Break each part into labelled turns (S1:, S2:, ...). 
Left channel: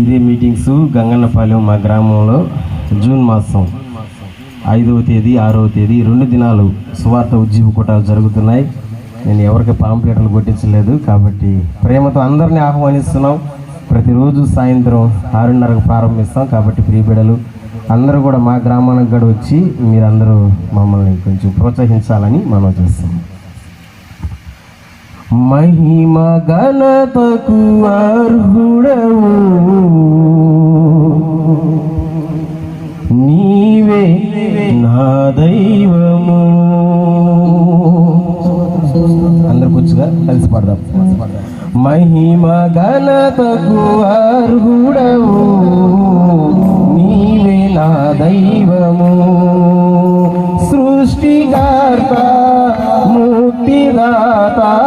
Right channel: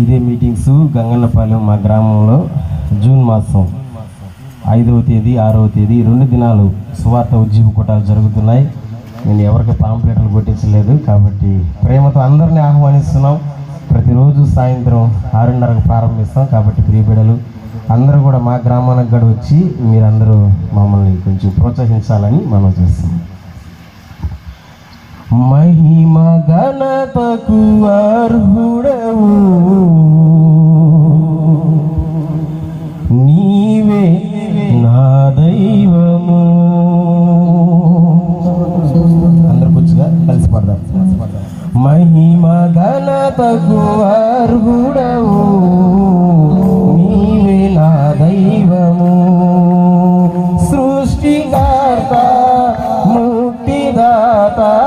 S1: ఇదే మీటింగ్స్ గంగన్నపాలెం మా గ్రామంలో జూన్ మాసం ఐదవ తేదీ ఆరవ తేదీ రెండు దినాలు సువార్త ఉజ్జీవ కూటాలు జరుగుతున్నాయి. నేను ఎవరికి పాంప్లెట్లు కొట్టించలేదు కాబట్టి ప్రేమతో అందరినీ ఆహ్వానిస్తున్నాం. ప్రతిరోజు సాయంత్రం ఆరున్నరకు ప్రారంభిస్తాం కాబట్టి ప్రియబిడలు అందరూ కూడా మా గ్రామానికి కూడా వచ్చి మీరందరూ మమ్మల్ని కొంచెం ప్రోత్సహించాలని మనం చేస్తున్నాం. మహిమ ఘనతకు అర్హుడవు. నీవే నా దైవము. అందరు కూర్చుగా కలిసి పడదాం. మహిమ ఘనతకు అర్హుడవు. నీవే నా దైవము. సృష్టికర్త ముక్తిదాత.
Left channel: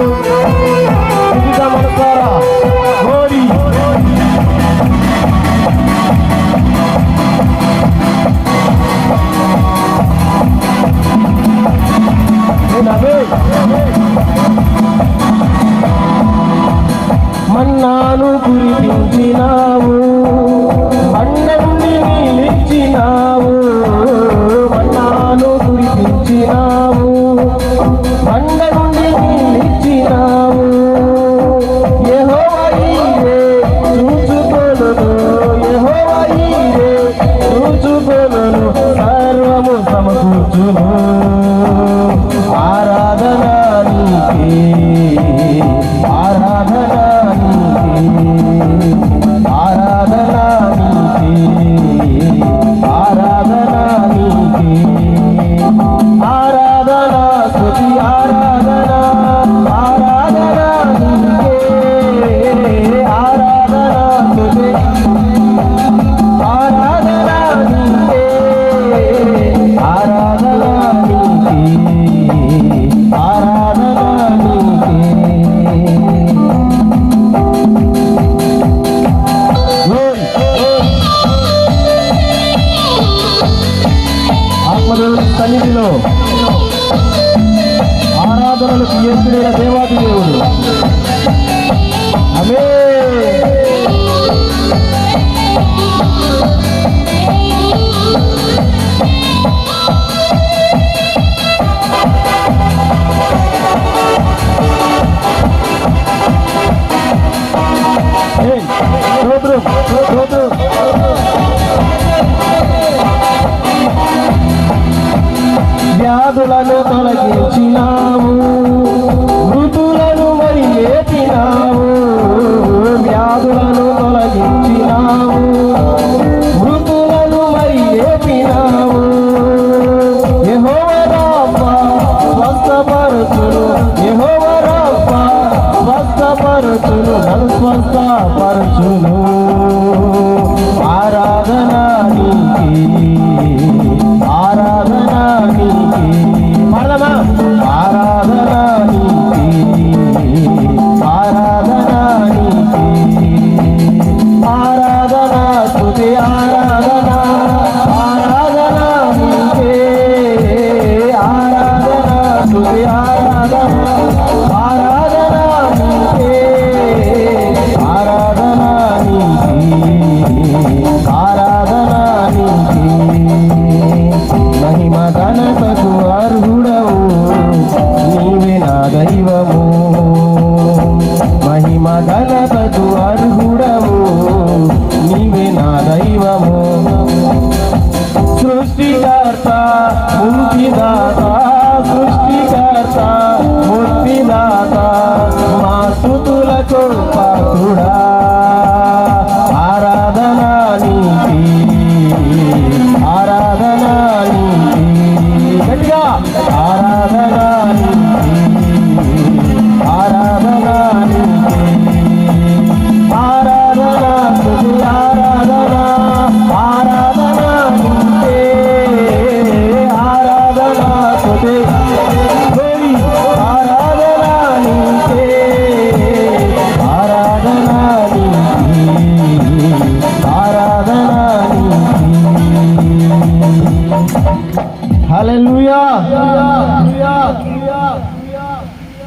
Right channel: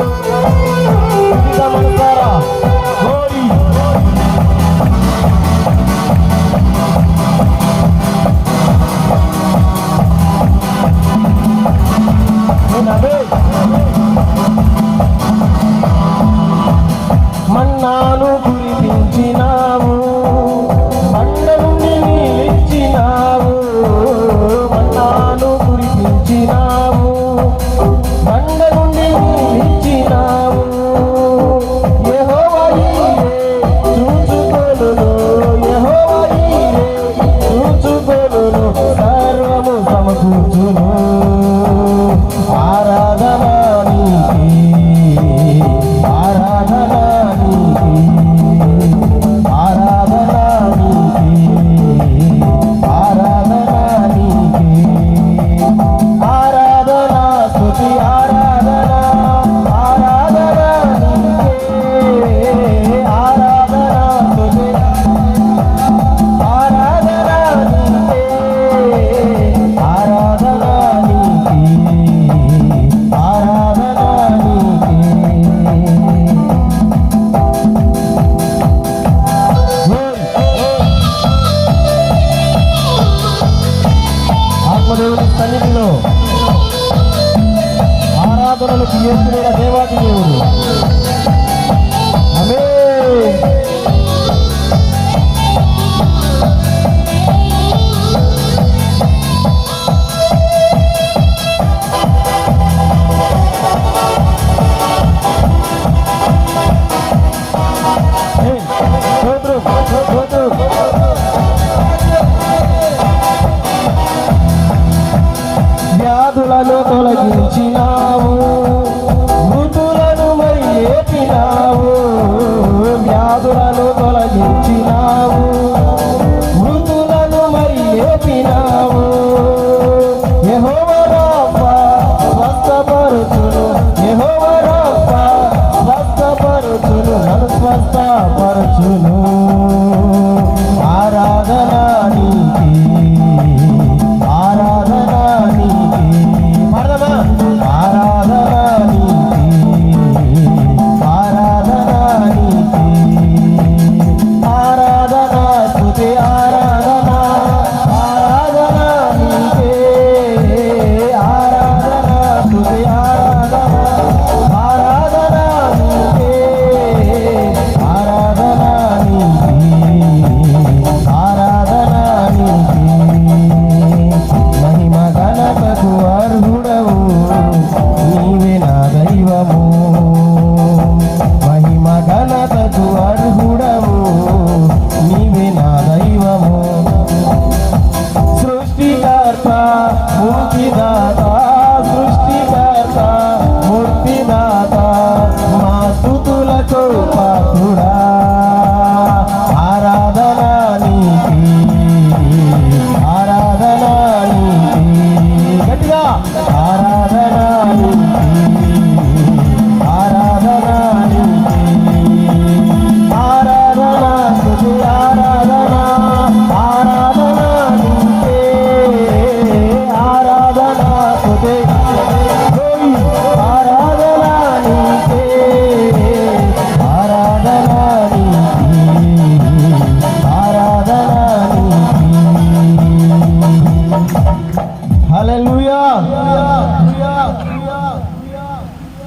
S1: Thank you. వ్యాధులను తొలగించినావు. మృతులను మరి వ్యాధులను తొలగించినావు. మృతులను మరి లేపినావు యెహోవా రాఫా స్వస్థపరచును యెహోవా